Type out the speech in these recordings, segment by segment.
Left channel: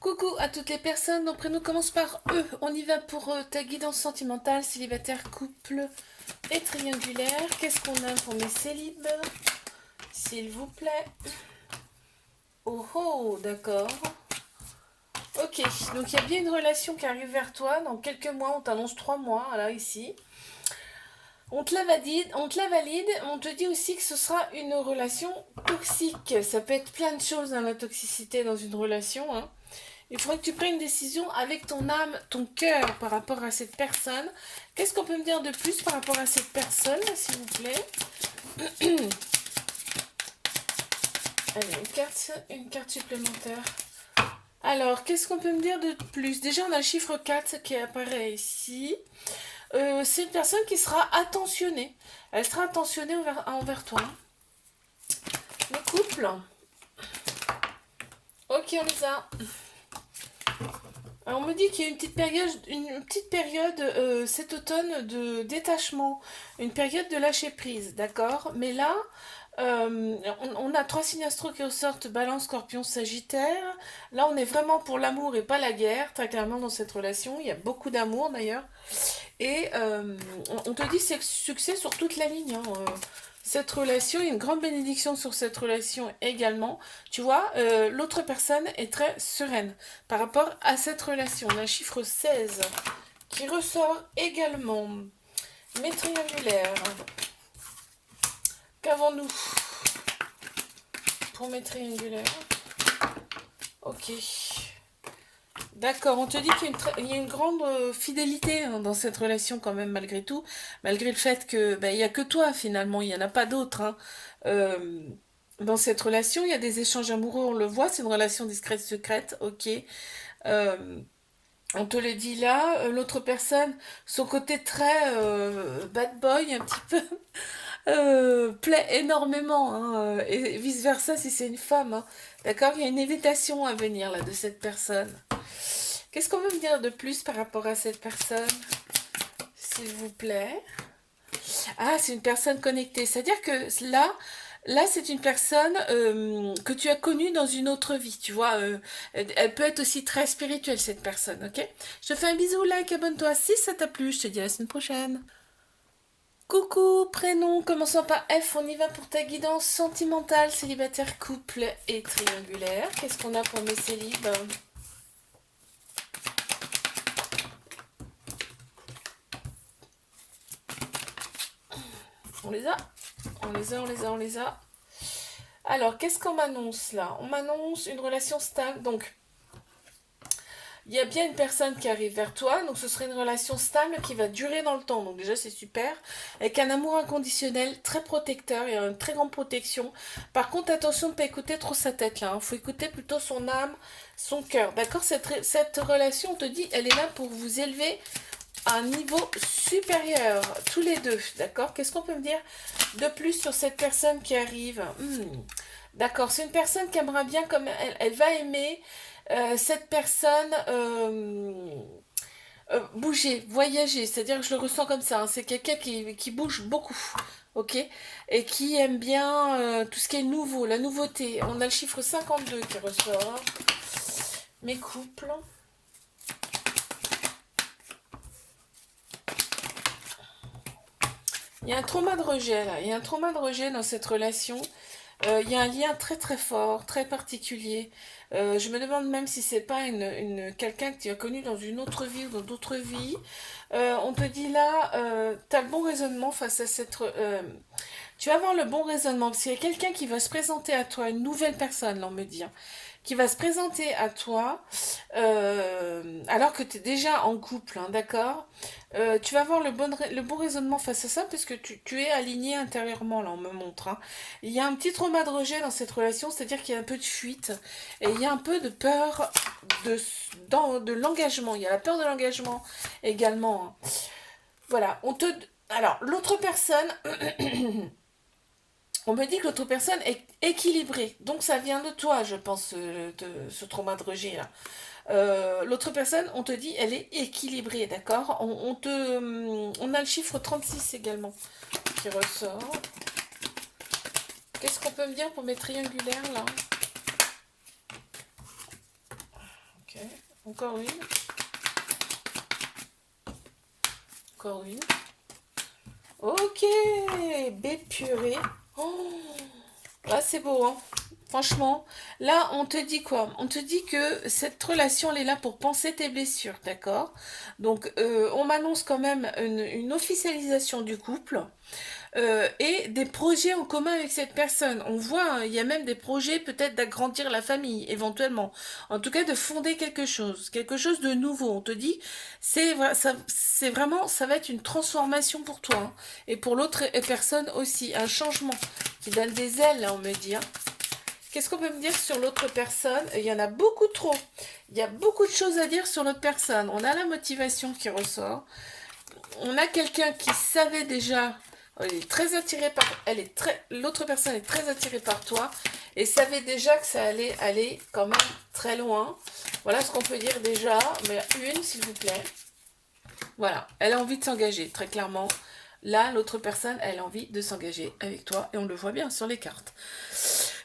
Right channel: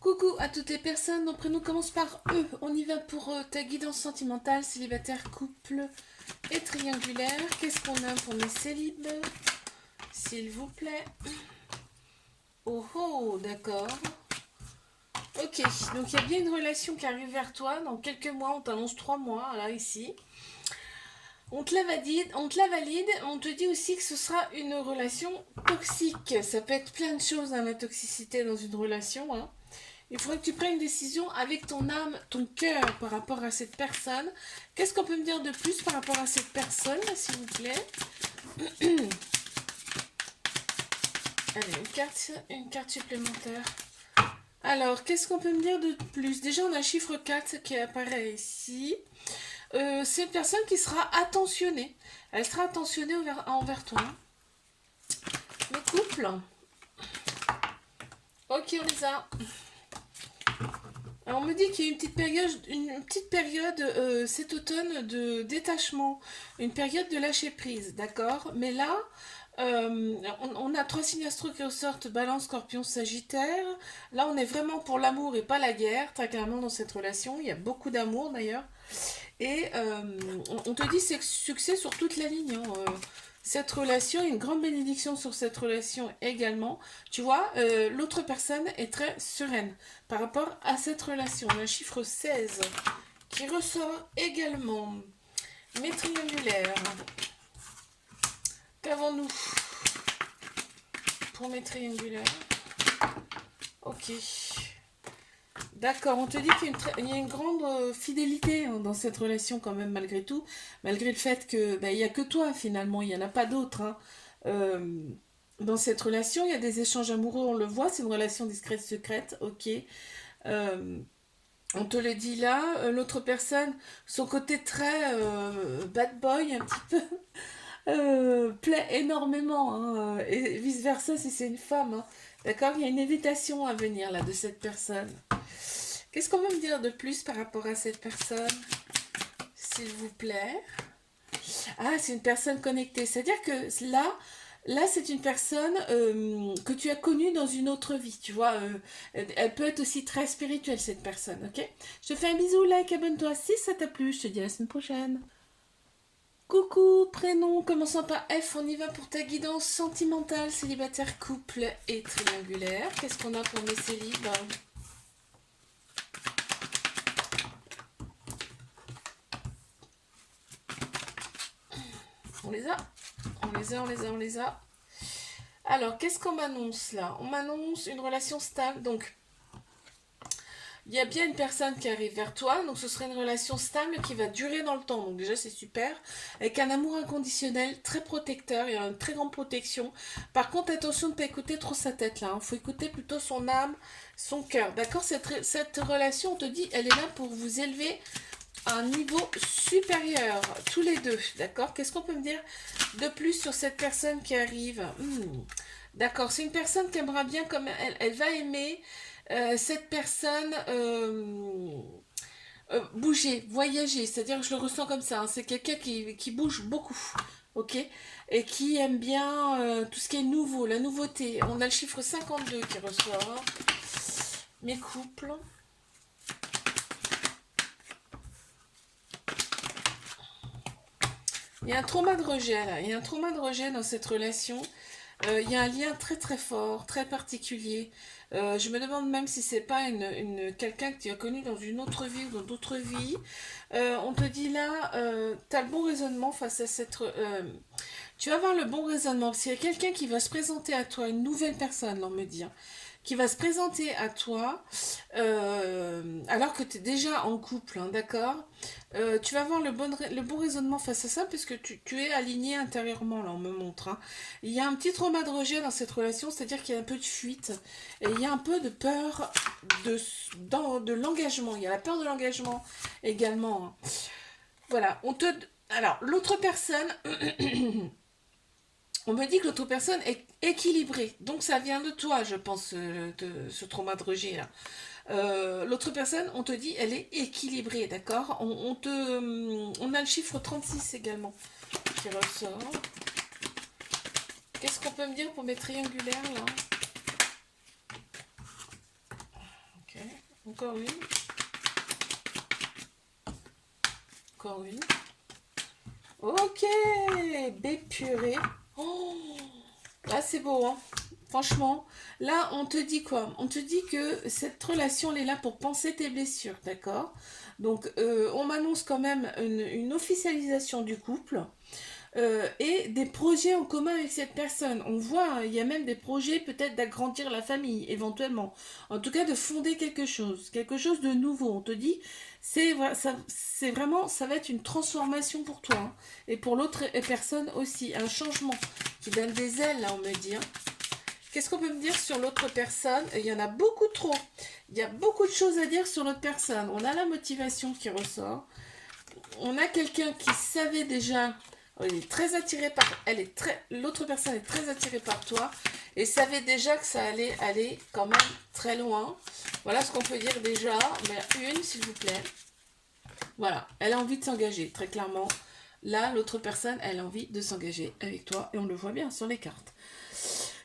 Coucou à toutes les personnes, donc prénom commence par E. On y va pour ta guidance sentimentale, célibataire, couple et triangulaire. Qu'est-ce qu'on a pour mes célibes? S'il vous plaît. Oh oh, d'accord. Ok, donc il y a bien une relation qui arrive vers toi. Dans quelques mois, on t'annonce 3 mois, là, ici. On te la valide, on te dit aussi que ce sera une relation toxique. Ça peut être plein de choses dans la toxicité dans une relation, hein. Il faudrait que tu prennes une décision avec ton âme, ton cœur par rapport à cette personne. Qu'est-ce qu'on peut me dire de plus par rapport à cette personne, s'il vous plaît? Allez, une carte supplémentaire. Alors, qu'est-ce qu'on peut me dire de plus? Déjà, on a le chiffre 4 qui apparaît ici. C'est une personne qui sera attentionnée. Elle sera attentionnée envers toi. Le couple. Ok, on les a. Alors, on me dit qu'il y a une petite période cet automne de détachement, une période de lâcher prise, d'accord? Mais là, on a 3 signes astro qui ressortent, Balance, Scorpion, Sagittaire. Là, on est vraiment pour l'amour et pas la guerre, très clairement dans cette relation. Il y a beaucoup d'amour d'ailleurs. Et on te dit c'est succès sur toute la ligne, hein. Cette relation, une grande bénédiction sur cette relation également. Tu vois, l'autre personne est très sereine par rapport à cette relation. On a un chiffre 16 qui ressort également. Mes triangulaires. Qu'avons-nous pour mes triangulaires? Ok. D'accord, on te dit qu'il y a une grande fidélité, hein, dans cette relation quand même malgré tout, malgré le fait que il y a que toi finalement, il n'y en a pas d'autres, hein. Euh, Dans cette relation, il y a des échanges amoureux, on le voit, c'est une relation discrète secrète, ok. Euh, on te le dit là, l'autre personne, son côté très bad boy un petit peu, plaît énormément, hein, et vice versa si c'est une femme, hein. D'accord, il y a une invitation à venir là de cette personne. Qu'est-ce qu'on veut me dire de plus par rapport à cette personne, s'il vous plaît? Ah, c'est une personne connectée. C'est-à-dire que là, c'est une personne que tu as connue dans une autre vie. Tu vois, elle peut être aussi très spirituelle, cette personne, ok? Je te fais un bisou, like, abonne-toi si ça t'a plu. Je te dis à la semaine prochaine. Coucou, prénom commençant par F, on y va pour ta guidance sentimentale, célibataire, couple et triangulaire. Qu'est-ce qu'on a pour mes célibes? On les a. On les a. Alors, qu'est-ce qu'on m'annonce là? On m'annonce une relation stable. Donc, il y a bien une personne qui arrive vers toi. Donc, ce serait une relation stable qui va durer dans le temps. Donc, déjà, c'est super. Avec un amour inconditionnel, très protecteur. Il y a une très grande protection. Par contre, attention de ne pas écouter trop sa tête là, hein. Faut écouter plutôt son âme, son cœur. D'accord? Cette relation, on te dit, elle est là pour vous élever à un niveau supérieur, tous les deux. D'accord? Qu'est-ce qu'on peut me dire de plus sur cette personne qui arrive? D'accord, c'est une personne qui aimera bien, comme elle va aimer cette personne bouger, voyager, c'est-à-dire que je le ressens comme ça, hein. C'est quelqu'un qui bouge beaucoup, ok? Et qui aime bien tout ce qui est nouveau, la nouveauté. On a le chiffre 52 qui ressort. Mes couples. Il y a un trauma de rejet là, il y a un trauma de rejet dans cette relation. Il y a un lien très très fort, très particulier. Je me demande même si c'est pas quelqu'un que tu as connu dans une autre vie ou dans d'autres vies. On te dit là, tu as le bon raisonnement face à tu vas avoir le bon raisonnement, parce qu'il y a quelqu'un qui va se présenter à toi, une nouvelle personne, là, on me dit, hein, qui va se présenter à toi alors que tu es déjà en couple, hein, d'accord? Tu vas avoir le bon raisonnement face à ça parce que tu es aligné intérieurement, là, on me montre, hein. Il y a un petit trauma de rejet dans cette relation, c'est-à-dire qu'il y a un peu de fuite et il y a un peu de peur de, de l'engagement. Il y a la peur de l'engagement également, hein. Voilà, alors, l'autre personne, on me dit que l'autre personne est équilibrée. Donc ça vient de toi, je pense, de ce trauma de rejet là. L'autre personne, on te dit, elle est équilibrée, d'accord? On a le chiffre 36 également qui ressort. Qu'est-ce qu'on peut me dire pour mes triangulaires là? Ok. Encore une. Encore une. Ok, bépurée. Oh, là, c'est beau, hein. Franchement, là, on te dit quoi? On te dit que cette relation, elle est là pour penser tes blessures, d'accord? Donc, on m'annonce quand même une officialisation du couple. Et des projets en commun avec cette personne. On voit, hein, il y a même des projets peut-être d'agrandir la famille, éventuellement. En tout cas, de fonder quelque chose de nouveau. On te dit, c'est vraiment, ça va être une transformation pour toi, hein. Et pour l'autre personne aussi, un changement qui donne des ailes, on me dit, hein. Qu'est-ce qu'on peut me dire sur l'autre personne? Il y en a beaucoup trop. Il y a beaucoup de choses à dire sur l'autre personne. On a la motivation qui ressort. On a quelqu'un qui savait déjà, elle est très attirée par, l'autre personne est très attirée par toi et savait déjà que ça allait aller quand même très loin. Voilà ce qu'on peut dire déjà, mais une s'il vous plaît. Voilà, elle a envie de s'engager, très clairement. Là, l'autre personne, elle a envie de s'engager avec toi et on le voit bien sur les cartes.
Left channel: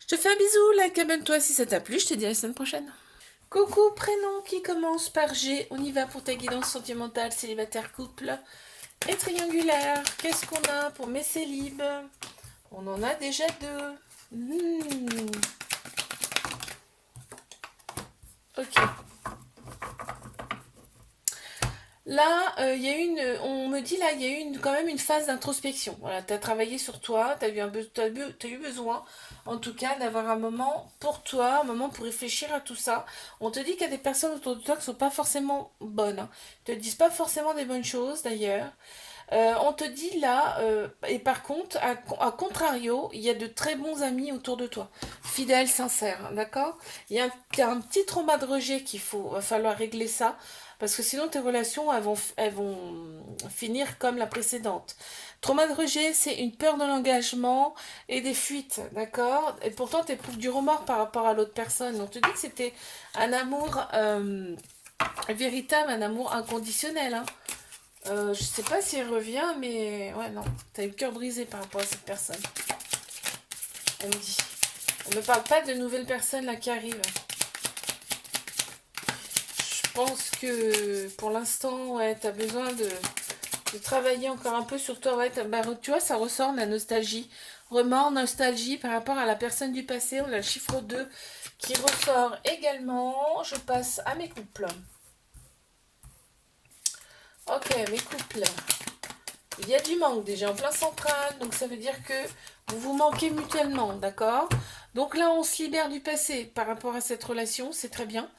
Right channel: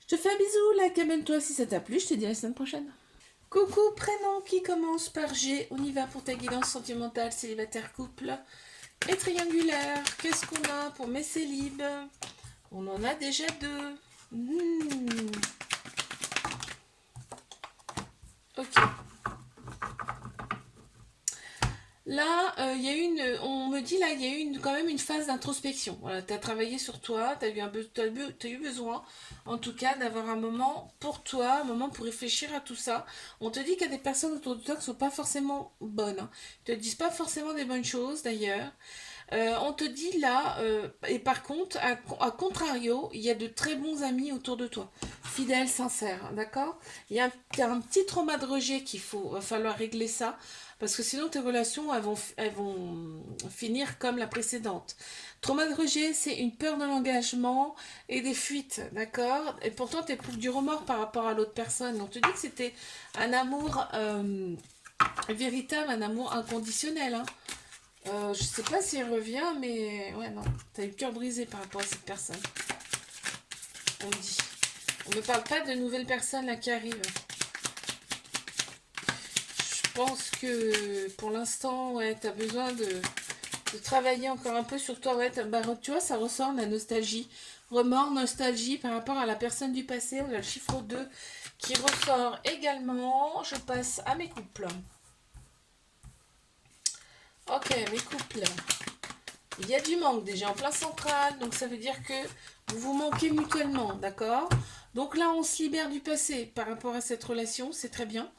Je te fais un bisou, like, abonne-toi si ça t'a plu, je te dis à la semaine prochaine. Coucou, prénom qui commence par G, on y va pour ta guidance sentimentale, célibataire, couple et triangulaire. Qu'est-ce qu'on a pour mes célibes? On en a déjà deux. Ok. Là, il y a on me dit là, il y a eu quand même une phase d'introspection. Voilà, tu as travaillé sur toi, tu as eu besoin, en tout cas, d'avoir un moment pour toi, un moment pour réfléchir à tout ça. On te dit qu'il y a des personnes autour de toi qui ne sont pas forcément bonnes, hein. Ils te disent pas forcément des bonnes choses d'ailleurs. On te dit là, et par contre, à contrario, il y a de très bons amis autour de toi, fidèles, sincères, d'accord? Il y a un petit trauma de rejet va falloir régler ça, parce que sinon tes relations, elles vont finir comme la précédente. Trauma de rejet, c'est une peur de l'engagement et des fuites, d'accord? Et pourtant, tu éprouves du remords par rapport à l'autre personne. On te dit que c'était un amour véritable, un amour inconditionnel, hein. Je sais pas s'il revient, mais ouais, non. T'as eu le cœur brisé par rapport à cette personne. On me dit. On me parle pas de nouvelles personnes là qui arrivent. Je pense que pour l'instant, ouais, t'as besoin de travailler encore un peu sur toi. Ouais, bah, tu vois, ça ressort de la nostalgie. Remords, nostalgie par rapport à la personne du passé. On a le chiffre 2 qui ressort également. Je passe à mes couples. Ok, mes couples. Il y a du manque déjà en plein central, donc ça veut dire que vous vous manquez mutuellement, d'accord? Donc là, on se libère du passé par rapport à cette relation, c'est très bien.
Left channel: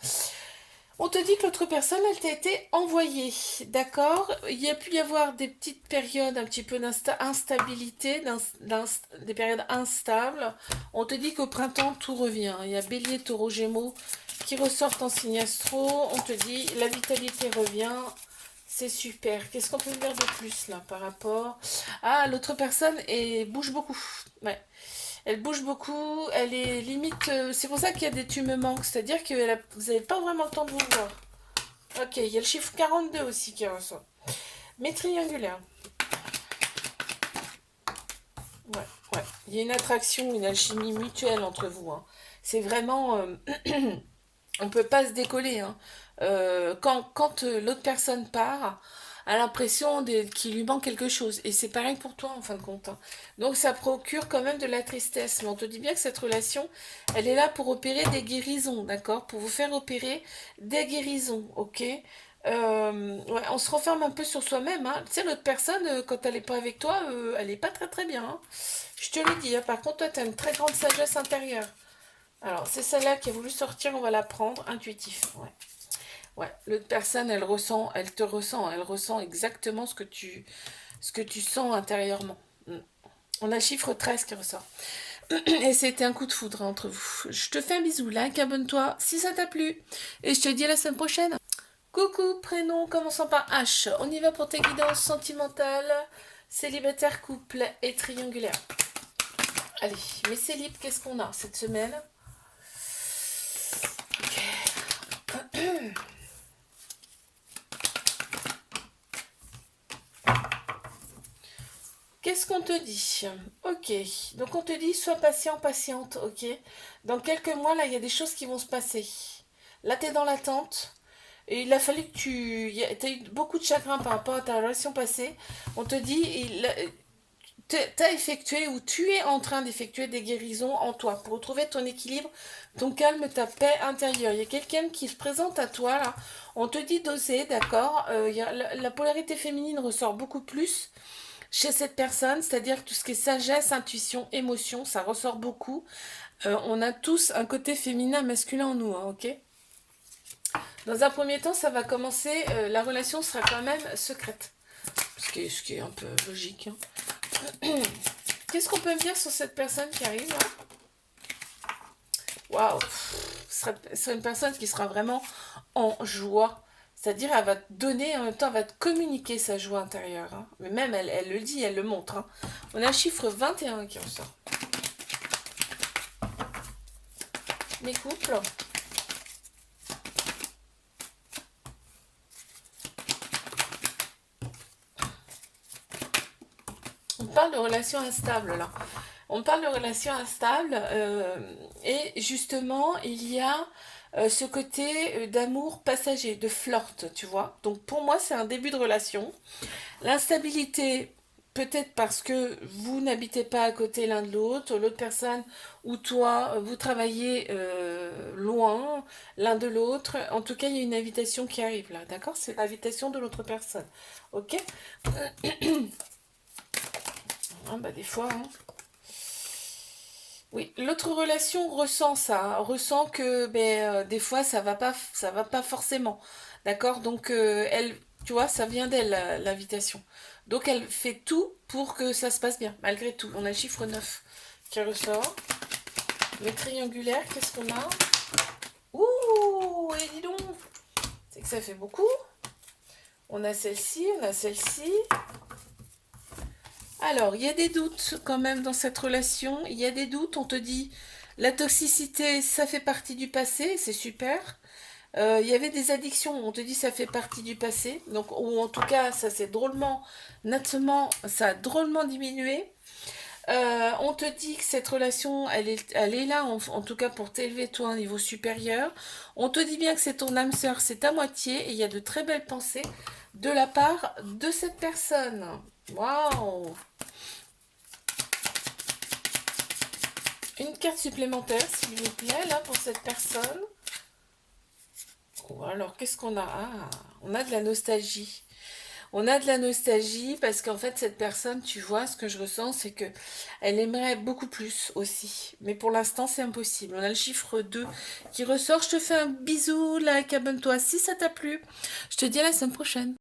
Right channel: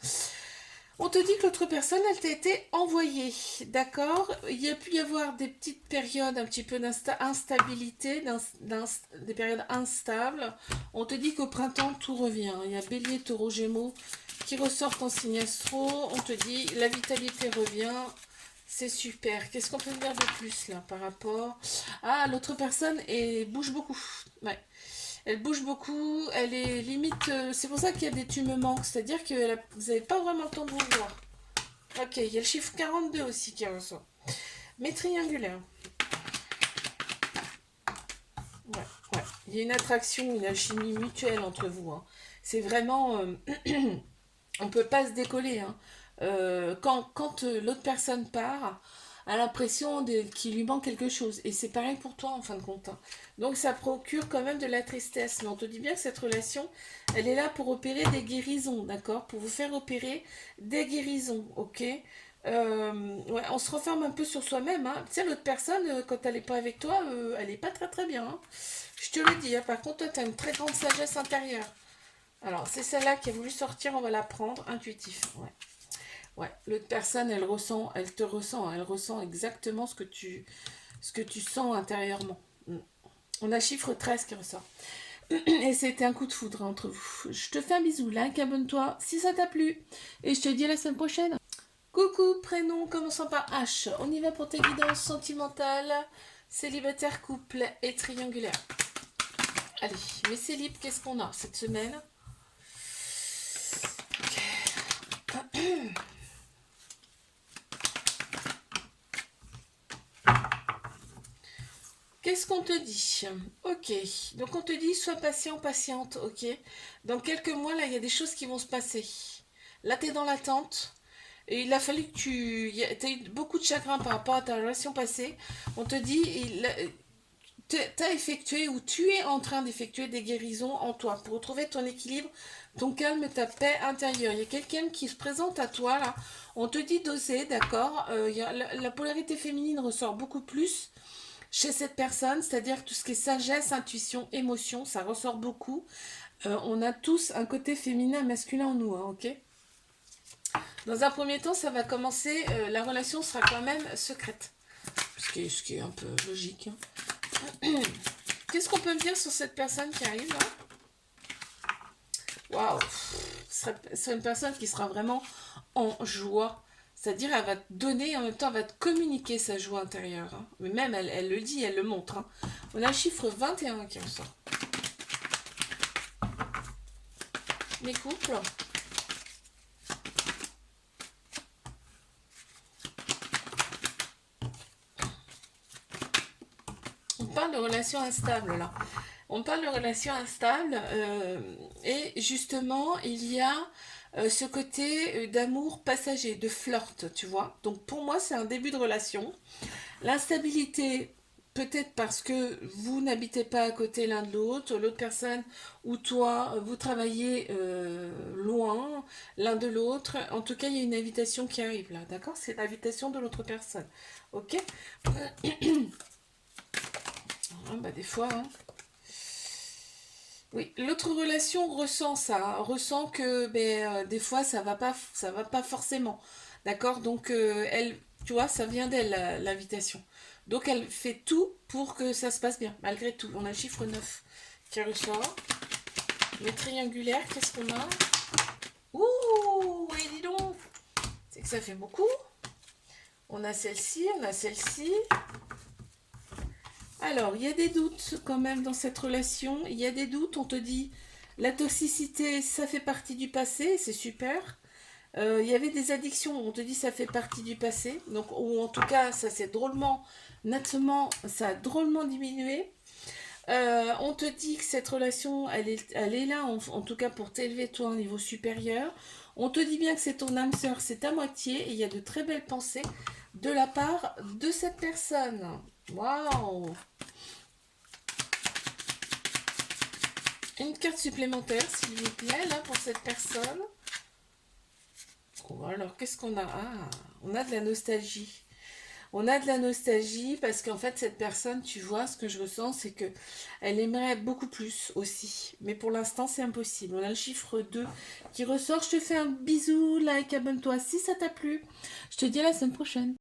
On te dit que l'autre personne, elle t'a été envoyée, d'accord? Il y a pu y avoir des petites périodes un petit peu d'instabilité, des périodes instables. On te dit qu'au printemps, tout revient. Il y a Bélier, Taureau, Gémeaux qui ressortent en signe astro. On te dit la vitalité revient. C'est super. Qu'est-ce qu'on peut dire de plus là par rapport... Ah, l'autre personne bouge beaucoup. Ouais. Elle bouge beaucoup. Elle est limite... c'est pour ça qu'il y a des tu me manques. C'est-à-dire que vous n'avez pas vraiment le temps de vous voir. Ok, il y a le chiffre 42 aussi qui ressort. Mais triangulaire. Ouais, ouais. Il y a une attraction, une alchimie mutuelle entre vous, hein. C'est vraiment... on ne peut pas se décoller, hein. Quand l'autre personne part, a l'impression qu'il lui manque quelque chose. Et c'est pareil pour toi en fin de compte, hein. Donc ça procure quand même de la tristesse. Mais on te dit bien que cette relation, elle est là pour opérer des guérisons, d'accord? Pour vous faire opérer des guérisons, ok? Ouais, on se renferme un peu sur soi-même, hein. Tu sais, l'autre personne, quand elle n'est pas avec toi, elle n'est pas très très bien, hein. Je te le dis, hein. Par contre, toi, tu as une très grande sagesse intérieure. Alors, c'est celle-là qui a voulu sortir, on va la prendre, intuitif. Ouais. Ouais, l'autre personne, elle te ressent, elle ressent exactement ce que tu sens intérieurement. Mm. On a le chiffre 13 qui ressort. Et c'était un coup de foudre entre vous. Je te fais un bisou, like, abonne-toi si ça t'a plu. Et je te dis à la semaine prochaine. Coucou, prénom commençant par H. On y va pour tes guidances sentimentales, célibataire, couple et triangulaire. Allez, mes célibes, qu'est-ce qu'on a cette semaine? Qu'est-ce qu'on te dit? Ok, donc on te dit sois patient, patiente, ok. Dans quelques mois, là, il y a des choses qui vont se passer. Là, tu es dans l'attente. Et il a fallu que tu as eu beaucoup de chagrin par rapport à ta relation passée. On te dit, tu as effectué ou tu es en train d'effectuer des guérisons en toi pour retrouver ton équilibre, ton calme, ta paix intérieure. Il y a quelqu'un qui se présente à toi là. On te dit d'oser, d'accord. La polarité féminine ressort beaucoup plus chez cette personne, c'est-à-dire tout ce qui est sagesse, intuition, émotion, ça ressort beaucoup. On a tous un côté féminin, masculin en nous, hein, ok. Dans un premier temps, ça va commencer, la relation sera quand même secrète. Ce qui est un peu logique, hein. Qu'est-ce qu'on peut me dire sur cette personne qui arrive là? Waouh, ce sera une personne qui sera vraiment en joie. C'est-à-dire, elle va te donner, en même temps, elle va te communiquer sa joie intérieure, hein. Mais même, elle le dit, elle le montre, hein. On a le chiffre 21 qui ressort. Mes couples. On parle de relations instables, là. On parle de relations instables, et justement, il y a ce côté d'amour passager, de flirt, tu vois. Donc pour moi, c'est un début de relation. L'instabilité, peut-être parce que vous n'habitez pas à côté l'un de l'autre personne ou toi, vous travaillez loin l'un de l'autre. En tout cas, il y a une invitation qui arrive là, d'accord? C'est l'invitation de l'autre personne, ok? Ah, bah des fois, hein. Oui, l'autre relation ressent ça, ressent que des fois ça va pas forcément. D'accord? Donc elle, tu vois, ça vient d'elle l'invitation. Donc elle fait tout pour que ça se passe bien, malgré tout. On a le chiffre 9 qui ressort. Le triangulaire, qu'est-ce qu'on a? Ouh, et dis donc, c'est que ça fait beaucoup. On a celle-ci, on a celle-ci. Alors, il y a des doutes quand même dans cette relation. Il y a des doutes. On te dit, la toxicité, ça fait partie du passé, c'est super. Il y avait des addictions. On te dit, ça fait partie du passé. Donc, ou en tout cas, ça s'est drôlement, nettement, ça a drôlement diminué. On te dit que cette relation, elle est là, en tout cas pour t'élever toi à un niveau supérieur. On te dit bien que c'est ton âme sœur, c'est ta moitié, et il y a de très belles pensées de la part de cette personne. Waouh! Une carte supplémentaire, s'il vous plaît, là, pour cette personne. Ou alors, qu'est-ce qu'on a? Ah, on a de la nostalgie. On a de la nostalgie parce qu'en fait, cette personne, tu vois, ce que je ressens, c'est que elle aimerait beaucoup plus aussi. Mais pour l'instant, c'est impossible. On a le chiffre 2 qui ressort. Je te fais un bisou, like, abonne-toi si ça t'a plu. Je te dis à la semaine prochaine.